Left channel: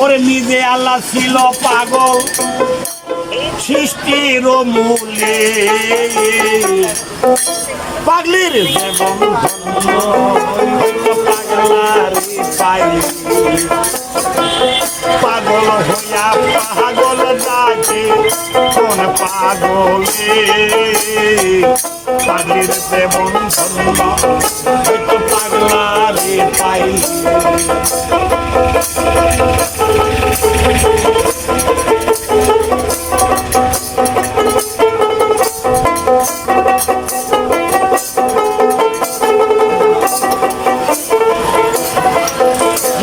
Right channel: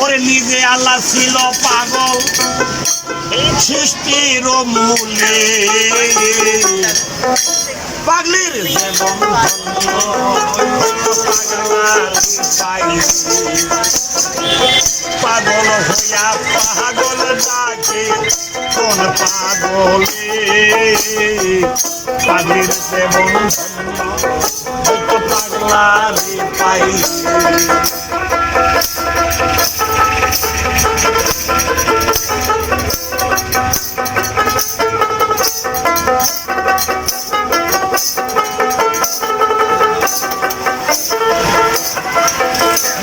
ওরে নিজে আল্লাহ ছিল পাগল সৃষ্টির মূলে পাগলির জীবন পাগল হইয়া পাগল ডাকে কোন পাগলে পাগলির জীবন ধন্য হয়তো পাগলারে পাই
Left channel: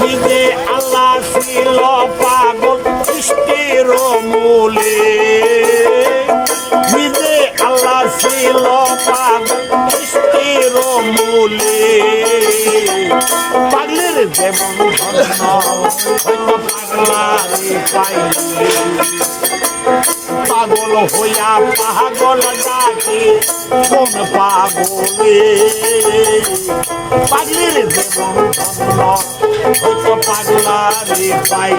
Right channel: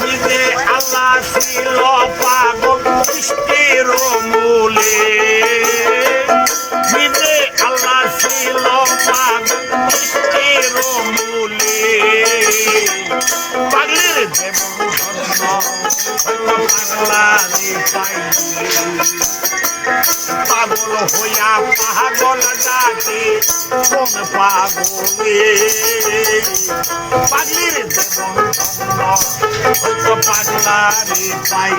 নিজে আল্লাহ ছিল পাগল সৃষ্টির মূলে নিজে আল্লাহ ছিল পাগল সৃষ্টির মূলে পাগলের যেমন ধন্য হয়তো পাগলারে পাই পাগল হইয়া পাগল ডাকে কোন পাগলে পাগলের জীবন ধন্য হয়তো পাগলারে পাই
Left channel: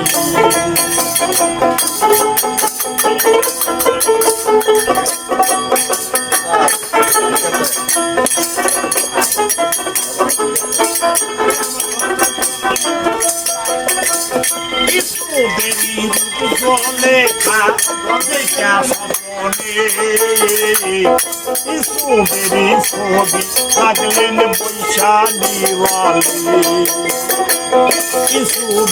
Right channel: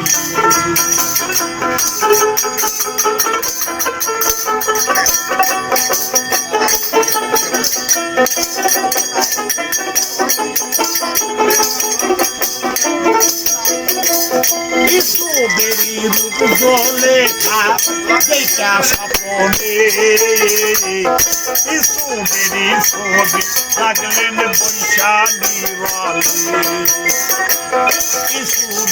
বেরি রূপ জলে খা দেখা সপনে বেরি ছবি থাকলেন বৈশালী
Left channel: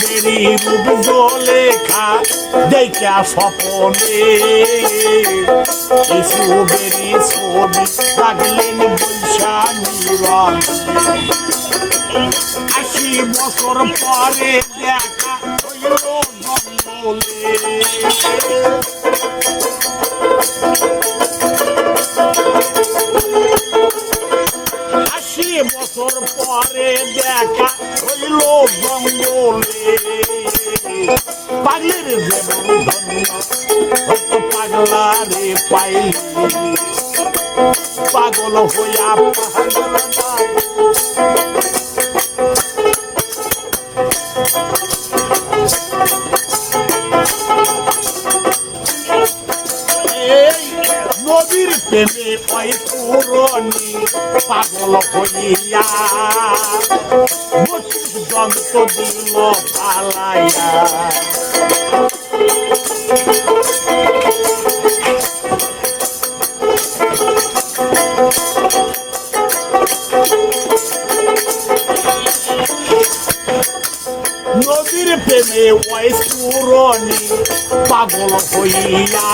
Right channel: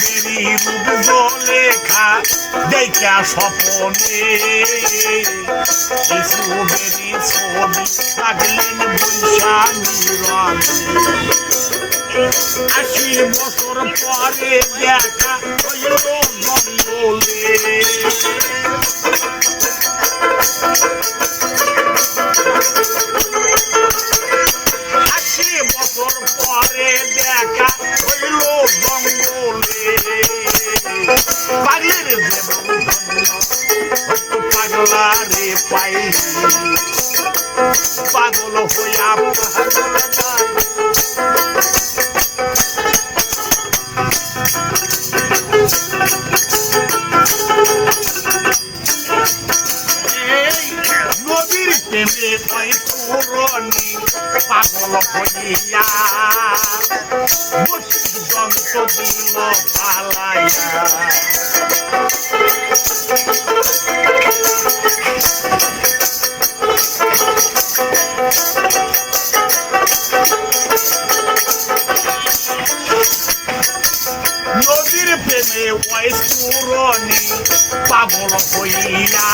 বেরি রূপ জলে খা দেখা সপনে বেরি ছবি থাকলেন বৈশালী 80 বছর পরে দেখা হইল জঙ্গলে 80 বছর পরে দেখা হইল জঙ্গলে পাগলের জীবন ধন্য হয়তো পাগলারে পাই পাগল হইয়া পাগল নদীর প্রেমে ওই পুরনি পাগল হইয়া যন্ত্র দিল পালাইয়া নদীর প্রেমে ওই পুরনি পাগল হইয়া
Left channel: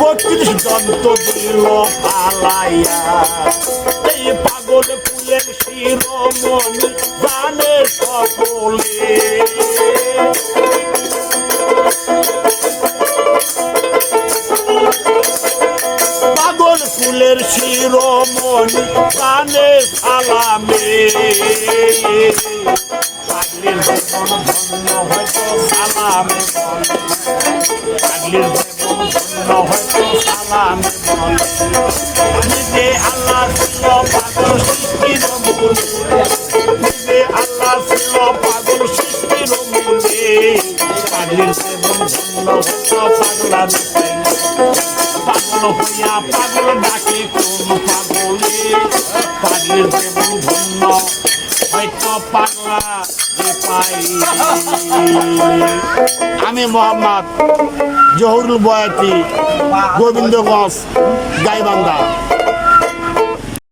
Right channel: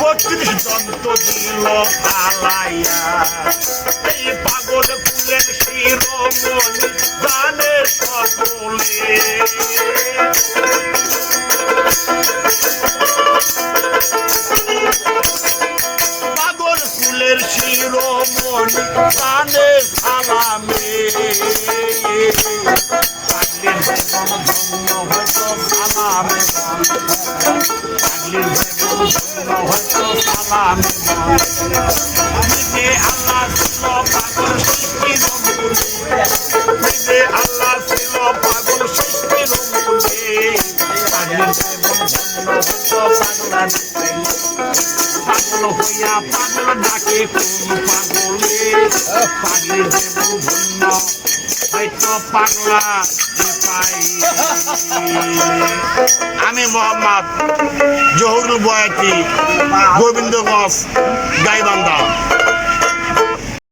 32 যন্ত্র দিল পালাইয়া এই পাগল ফুলের শিরোমণি জানে সকলে পাগল ফুলের শিরোমণি জানে সালামে পাগলের জীবন ধন্য হয়তো সালামে পাগলের জীবন ধন্য হয়তো সালামে নিজে আল্লাহ ছিল পাগল সৃষ্টির মূলে নিজে আল্লাহ ছিল পাগল সৃষ্টির মূলে পাগলের জীবন ধন্য হয়তো পাগলারে পাগল হইয়া পাগল ডাকে কোন পাগলে পাগলের জীবন ধন্য হয়তো পাগলা পাই আমি মোহাম্মদ জহুরুল বয়াতি গোবিন্দগঞ্জ গাইবান্ধা।